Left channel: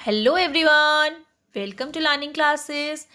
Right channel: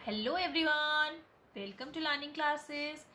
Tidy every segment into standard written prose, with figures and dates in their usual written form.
Hello everyone, welcome to learning classes.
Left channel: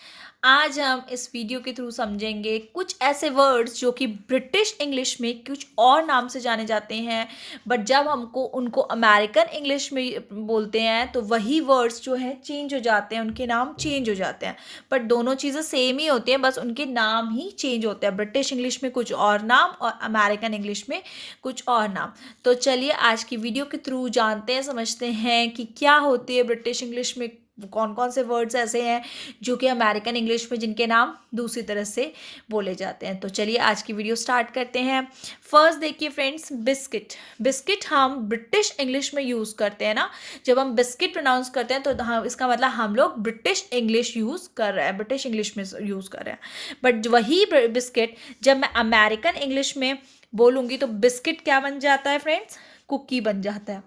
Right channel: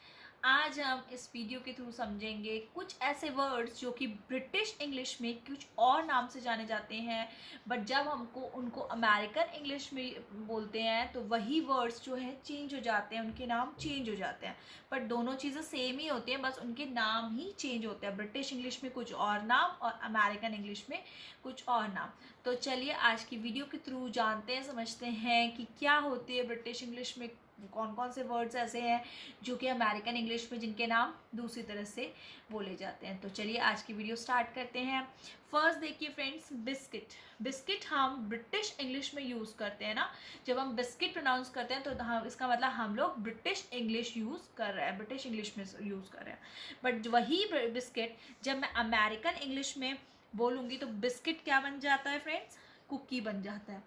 आज हम इस वीडियो के थ्रू समझेंगे कुछ ऐसे वर्ड्स जो कि ब्रिटिश इंग्लिश में कुछ और नाम से जाने जाते हैं, बट जब हमको उनको अमेरिकन इंग्लिश में बोलते हैं तो वही वर्ड्स जो है चेंज हो जाते हैं, उनके नाम चेंज हो जाते हैं। बट दोनों चीज़ें सेम ही होती हैं, बस उनके नाम ही चेंज होते हैं। ब्रिटिश इंग्लिश में कुछ और नाम और अमेरिकन इंग्लिश में कुछ और नाम। तो चलिए आज की वीडियो के थ्रू जानते हैं, समझते हैं कि क्या होती है ब्रिटिश इंग्लिश में, कौन कौन से वर्ड्स ऐसे हैं जो कि अमेरिकन इंग्लिश में जिनके नाम दूसरी तरह से बोले जाते हैं। तो चलिए आज की वीडियो स्टार्ट करते हैं। फर्स्ट देखिए फ्रेंड्स, बिस्किट। बिस्किट हम ब्रिटिश इंग्लिश में यूज़ करते हैं ना। जब हम बिस्किट प्रोनाउंस करते हैं तो हम इसका मतलब हम लोग ब्रिटिश इंग्लिश यूज़ कर रहे हैं, ब्रिटिश इंग्लिश में यूज़ कर रहे हैं। बट वही बिस्किट जब मैं अमेरिकन इंग्लिश में बोलूँगी तो बिस्किट क्या बन जाता है फ्रेंड्स? कुकी बन जाता है।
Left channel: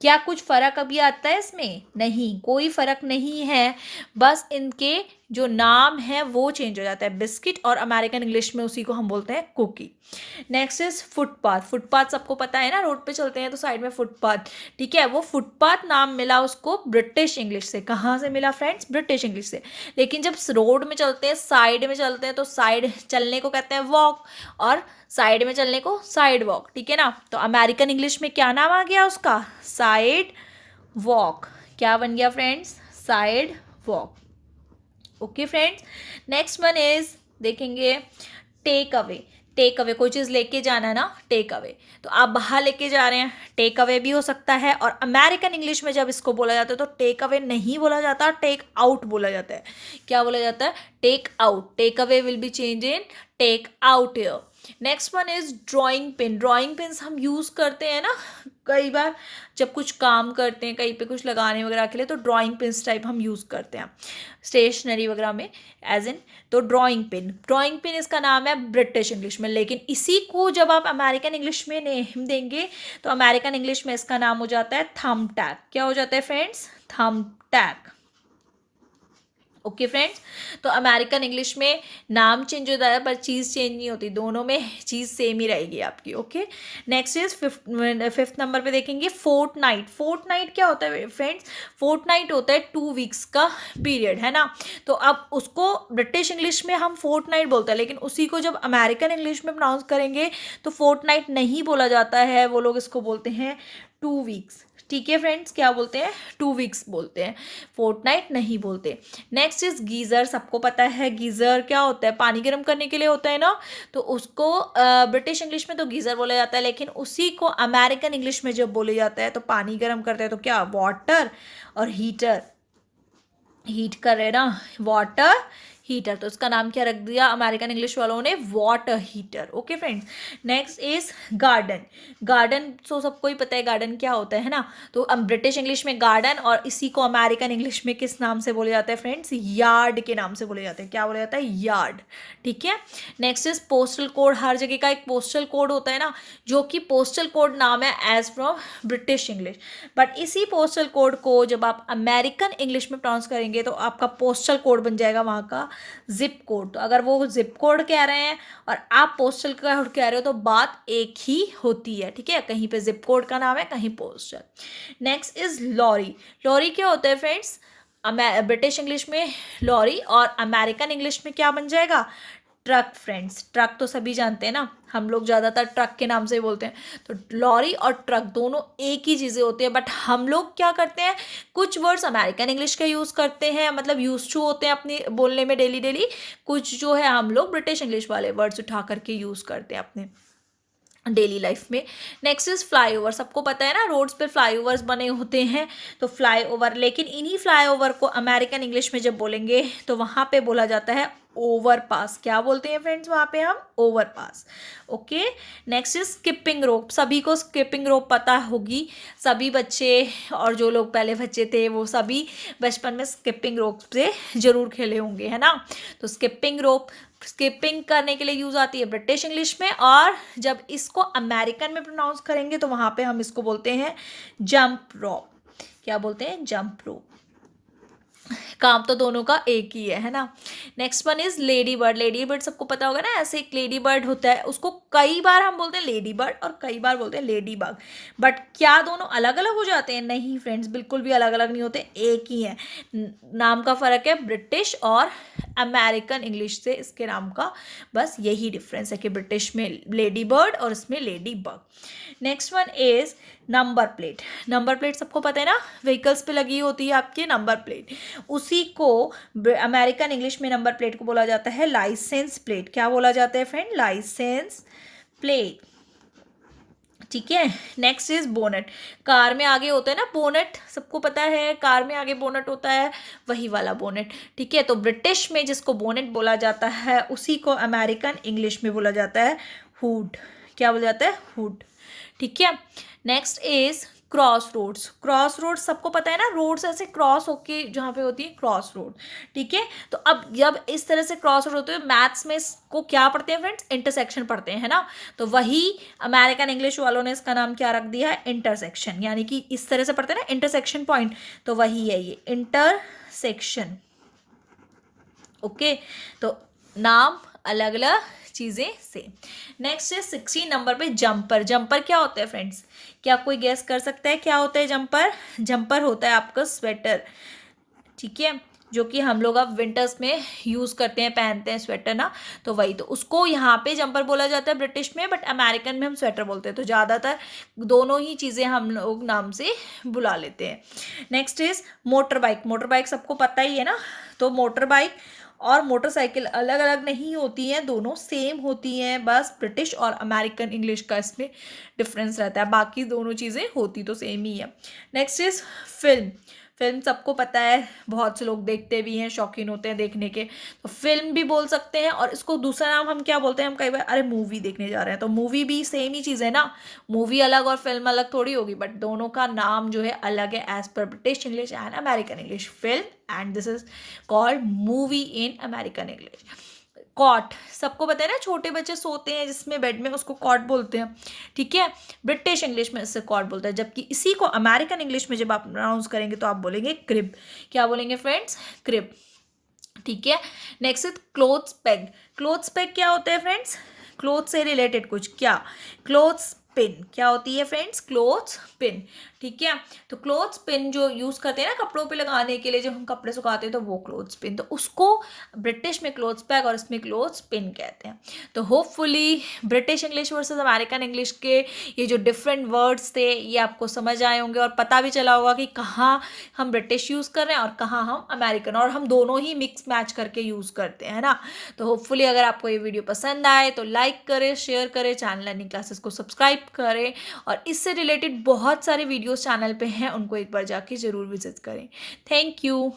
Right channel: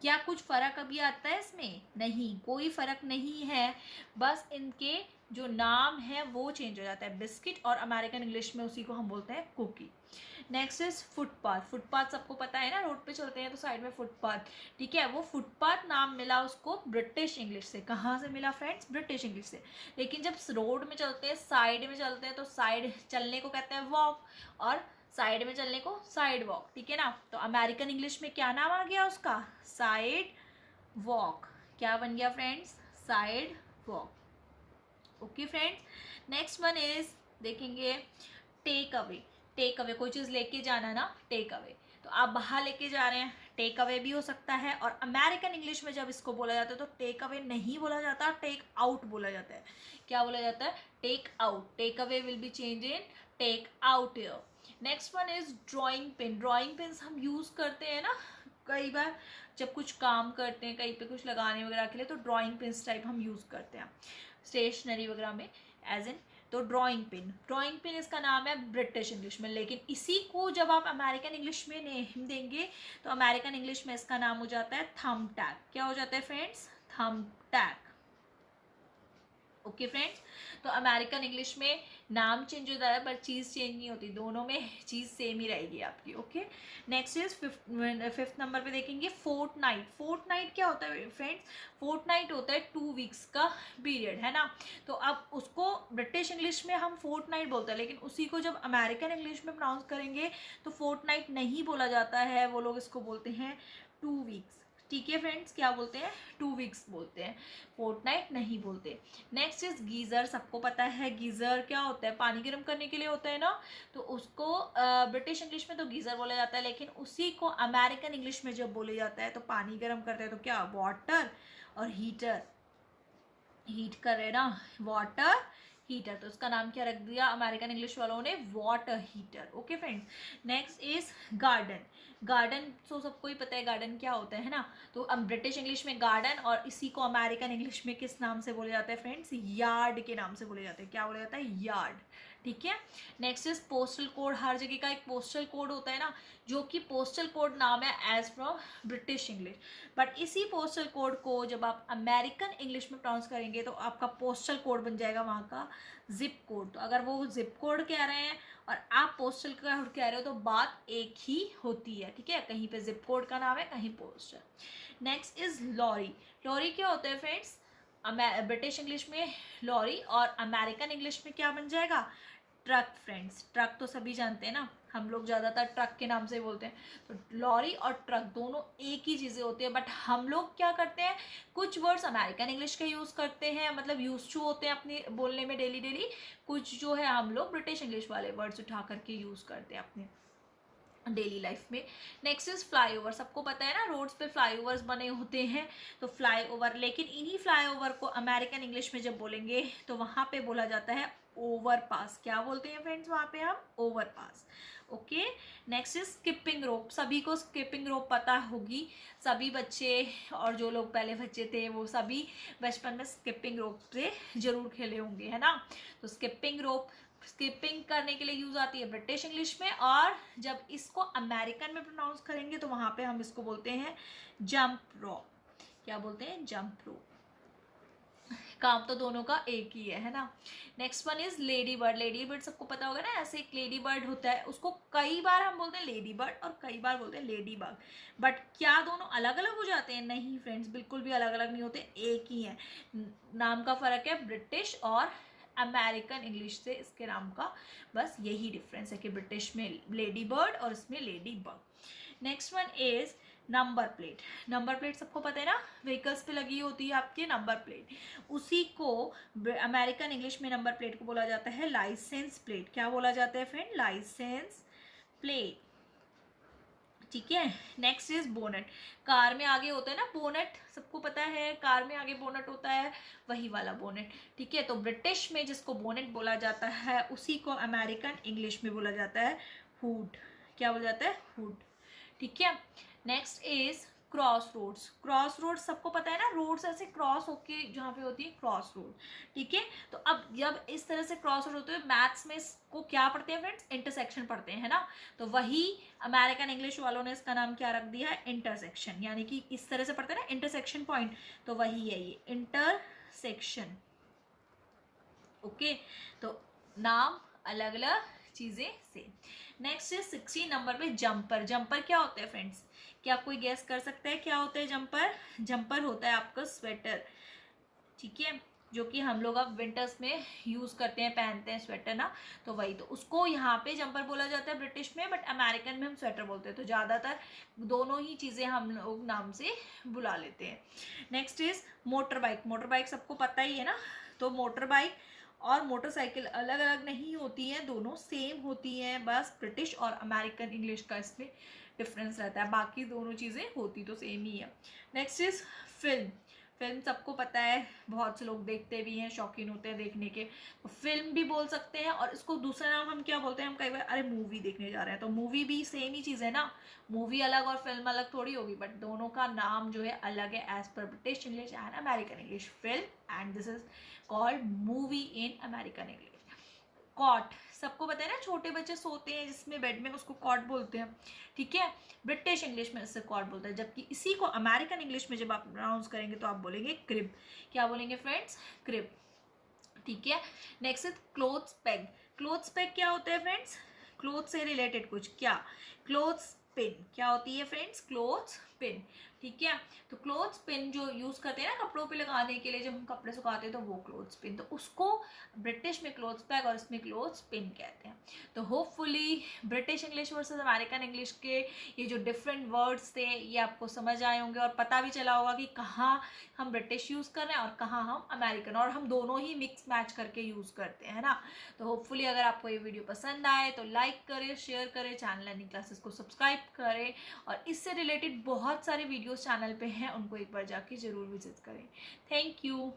क्या कुछ फ़र्क अभी आता है इसमें? नहीं, कोई फ़र्क नहीं है। बस इनके जो नाम है वो चेंज हो जाता है। बिस्किट और अमेरिकन इंग्लिश में उसी को हम बोलते हैं cookie. Next is footpath. Footpath सबको पता है ना, रोड पे चलते हैं तो साइड में फुटपाथ। ठीक है, वो फुटपाथ नाम मिला उसको ब्रिटिश इंग्लिश से। कहाँ से मिला फ्रेंड्स? ब्रिटिश इंग्लिश से। लेकिन जब रोड में चलते हैं, साइड में चलते हैं, तो साइड चलने को कहते हैं वॉक, और साइड में चलने को साइड वॉक। ठीक है ना। तो अमेरिकन इंग्लिश में क्या नाम आ गया उसका? Side walk. क्या बन गया friends? Side walk. Okay friends, next one is देखेंगे टेक अवे। टेक अवे, कोई चीज़ लेके जाना है ना, टेक अवे। तो आप बाहर लेके जा रहे हैं, टेक अवे भी हो सकता है। और अमेरिकन इंग्लिश में जब इसको बोला जाता है तो टेक अवे नहीं बोला जाता, टेक आउट बोला जाता है। क्या बोला जाता है? Take out. Take away will be change in take out here. Next one is drawing pin. Drawing pins हम यूज़ करते हैं ना कई बार, जब कुछ काम करते हैं कहीं पे कुछ लगाने वगैरह के लिए, तो ड्राइंग पिन्स टाइप हम यूज़ करते हैं स्टेशनरी वगैरह में, एज इन। तो ड्राइंग पिन, ड्राइंग पिन इसका नाम है ब्रिटिश इंग्लिश में। लेकिन इसी को जब आप अमेरिकन इंग्लिश में नेम देंगे तो अमेरिकन इंग्लिश में इसका नाम हो जाता है थंब टैग। क्या हो जाता है friends? Thumb tag. Okay friends, तो अमेरिकन इंग्लिश में नाम चेंज होता है पर चीज़ चेंज नहीं होती, दोनों में चीज़ सेम ही रहेगी आपकी। Okay, next is fifth number पे देखेंगे फोर्ट नाइट। फोर्ट नाइट क्या होता है फ्रेंड्स? फोर्ट नाइट होता है 2 वीक्स का पीरियड, है ना। तो अब उसको ब्रिटिश इंग्लिश में हम फोर्ट नाइट बोलते हैं, लेकिन उसी को जब अमेरिकन इंग्लिश में प्रोनाउंस करेंगे तो फोर्ट नाइट नहीं बोला जाता है, वो लोग इसको बोलते हैं 2 वीक्स। ठीक है फ्रेंड्स, क्या बोलते हैं? 2 वीक्स बोलते हैं, फोर्टनाइट नहीं बोलते। Next is geyser. सबको पता है गीज़र क्या होता है? पानी गर्म करने के लिए होता है ना। तो उसको ब्रिटिश इंग्लिश में तो गीज़र बोला जाता है, लेकिन उसी को अमेरिकन इंग्लिश में जब बोले जाता है तो पानी गर्म करते हैं तो क्या? वाटर और हीटर। हीट कर रहे हैं ना, वाटर हीटर, तो इसका नाम क्या रख दिया अमेरिकन इंग्लिश वालों ने? Water heater. Okay friends, next is garden. Garden तो सबको ही पता है गार्डन क्या होता है ना। तो ब्रिटिश इंग्लिश में गार्डन, और इसी को अमेरिकन इंग्लिश में किस नाम से बोले जाता है फ्रेंड्स? यार्ड के नाम से बोले जाते हैं। क्या बोला जाता है? यार्ड। ठीक है, नेक्स्ट इज पोस्टल कोड। हर जगह का एक पोस्टल कोड होता है ना, जो कि पोस्टल कोड नाम है as from British English. But इसी पोस्टल कोड को जब आप अमेरिकन इंग्लिश में प्रोनाउंस करेंगे तो आपका पोस्टल कोड बन जाएगा वहाँ का जिप कोड। तो अगर वो जिप कोड कह रहे हैं और आप पोस्टल कोड कह रहे हो तो बात एक ही होती है। ठीक है, कहीं पे जिप कोड का नाम है, कहीं postal. Next is lorry. Lorry क्या होता है फ्रेंड्स? ब्रिटिश इंग्लिश में लॉरी, और अमेरिकन इंग्लिश में क्या बन जाएगा? ट्रक। फ्रेंड्स, ट्रक तो सभी जानते हैं ना, हम लोग ज़्यादातर ट्रक के नाम से ही बोलते हैं। तो लॉरी और ट्रक दोनों एक ही चीज़ें होती है, बट हम लोग क्या करते हैं, कुछ वर्ड्स अमेरिकन इंग्लिश का यूज़ करते हैं, मतलब यूज टू होते हैं अपने बोलने में डेली डेली। कुछ जो है हम लोग ब्रिटिश इंग्लिश वाले वर्ड्स उठा करके यूज़ करते हैं अपने डेली लाइफ में। Next is flyover. सबको पता है ना, रोड्स पे फ्लाईओवर्स बने होते हैं, तो फ्लाईओवर। लेकिन इन्हीं फ्लाईओवर को अमेरिकन इंग्लिश में जब बोलेंगे तो वहाँ पे बोला जाता है ओवरपास। क्या बोलते हैं फ्रेंड्स वहाँ पे हम? Overpass. Okay, next is skipping rope. सभी को स्किपिंग रोप पता होगी, सभी बच्चे और जो लोग पहले बच्चे थे वो सभी बचपन में स्किपिंग रोप से जरूर खेले होंगे, है ना। तो स्किपिंग रोप स्किपिंग करने के लिए यूज़ आती है ब्रिटिश इंग्लिश में, और जब इसको अमेरिकन में प्रोनाउंस करेंगे तो वहाँ पे हम इसको बोलते हैं जंप रोप। क्या बोलते हैं? Jump rope. काम तो दोनों का एक ही है ना। Next one is lady bird. Lady bird सबको पता होगा ना, ऐसे एक लेडी बर्ड होता है, उसको कई बार हम बोलते हैं लेडी बर्ड और कई बार बोलते हैं लेडी बग। बट क्या दोनों अलग अलग हो जाते हैं? नहीं फ्रेंड्स, बिल्कुल भी अलग अलग नहीं होते, एक ही है। नाम का फ़र्क है ब्रिटिश और अमेरिकन इंग्लिश से, इसके नाम का बस यही डिफरेंस है कि ब्रिटिश में लेडी बर्ड और इसमें lady bug. Next one is number plate. Number plate सबको पता है ना, व्हीकल्स पे लगी होती है आपके नंबर प्लेट, उसी को अमेरिकन इंग्लिश में नंबर प्लेट को बोला जाता है लाइसेंस प्लेट। क्या बोला जाता है फ्रेंड? Licence plate. ठीक है। Next is bonnet. कार में आगे होता है ना बोनेट, सबको पता है कार में आगे बोनेट होता है, वही वाला बोनेट। ठीक है, तो ब्रिटिश में जिसको बोनेट बोला जाता है उसी को अमेरिकन इंग्लिश में बोला जाता है हुड। क्या बोला जाता है? हुड। ठीक है। Next is cross roads. Cross roads सबको पता है ना, रोड्स ऐसे क्रॉस होके जहाँ पे होती है क्रॉस रोड। ठीक है, तो अब जब इस तरह से क्रॉस रोड होते हैं, मैथ्स में इसको क्या पढ़ते हैं फ्रेंड्स? इंटरसेक्शन पढ़ते हैं, है ना। तो वही अमेरिकन इंग्लिश वालों ने इसका नाम क्या रख दिया है? इंटरसेक्शन। यानी कि इस तरह से पढ़ते हैं ना इंटरसेक्शन पॉइंट, तो वही है ये इंटरसेक्शन। ओके, तो नाम अलग अलग चीज़ें से। नेक्स्ट है 16 नंबर पे जंपर। जंपर क्या होता है फ्रेंड्स? क्या कोई गेस कर सकता है क्या होता है जंपर? जंपर होता है आपका स्वेटर। ठीक है, जो कि हम लोग अब विंटर्स में यूज़ करते हैं, पहनते हैं स्वेटर ना, तो वही, तो उसको यहाँ पे जंपर बोला जाता है ब्रिटिश में, बट अमेरिकन में हम स्वेटर बोलते हैं। तो ज़्यादातर दोनों ही चीज़ें हम लोग नाम से बुला लेते हैं। Next is motor bike. Motor bike सबको पता ही है ना, तो मोटर बाइक और मोटरसाइकिल अलग अलग नहीं होती हैं, दोनों सेम होती हैं, बस ब्रिटिश और अमेरिकन इंग्लिश का इसमें डिफरेंस रहता है, बाकी दोनों चीज़ें होती तो सेम ही है। Next is film. फिल्म सबको पता है, बहुत से लोग देखते भी हैं, शौकीन होते हैं देखने के, तो फिल्म भी बोल सकते हैं। और इसको दूसरा नाम हम क्या बोलते हैं? हम कई बार अरे मूवी देखने जा रहे हैं, तो मूवी भी सेम ही चीज़ है ना, मूवी अलग और फिल्म अलग थोड़ी होगी, बट दोनों का नाम जो है अलग है एज पर British English and American English. Film and this is called movie in American English. Cot सबको पता है ना, छोटे बच्चे सोते हैं जिसमें बेड में, उसको कॉट बोलते हैं। ठीक है, ब्रिटिश इंग्लिश में इससे कॉट बोलते हैं, जबकि इसी को अमेरिकन इंग्लिश में जब आप प्रोनाउंस करेंगे तो आप बोलेंगे क्रिब। क्या बोलेंगे फ्रेंड्स? क्रिब। ठीक है। Next is clothes peg. Clothes peg क्या होता है फ्रेंड्स? क्लोथ से रिलेटेड कुछ। क्या? Clothes pin. क्या होती है फ्रेंड्स? Clothes pin. ठीक है, तो क्लोथ्स पिन जो यूज़ करते हैं ना कपड़ों पे लगाने के लिए, जब हम कपड़े सुखाते हैं, तो वो क्लोथ्स पिन, तो उसको ब्रिटिश में क्लोथ्स बैग और इसमें क्लोथ्स पिन कहते हैं। तो hopefully British English versus American English के ये जो डिफरेंट वर्ड्स थे ये आपको समझ आए होंगे, और पता भी चला होगा कि कहाँ हम ब्रिटिश यूज़ कर रहे हैं और कहाँ हम अमेरिकन, और हम दोनों ही मिक्स मैच करके यूज़ करते हैं ना। तो होपफुली अगर आपको ये वीडियो पसंद आए तो लाइक करें, शेयर करें, चैनल लर्निंग क्लासेस को सब्सक्राइब करें, और इससे रिलेटेड बहुत सारे वीडियोस चैनल पे हैं, उनको एक बार जाके ज़रूर विजिट करें। Thank you.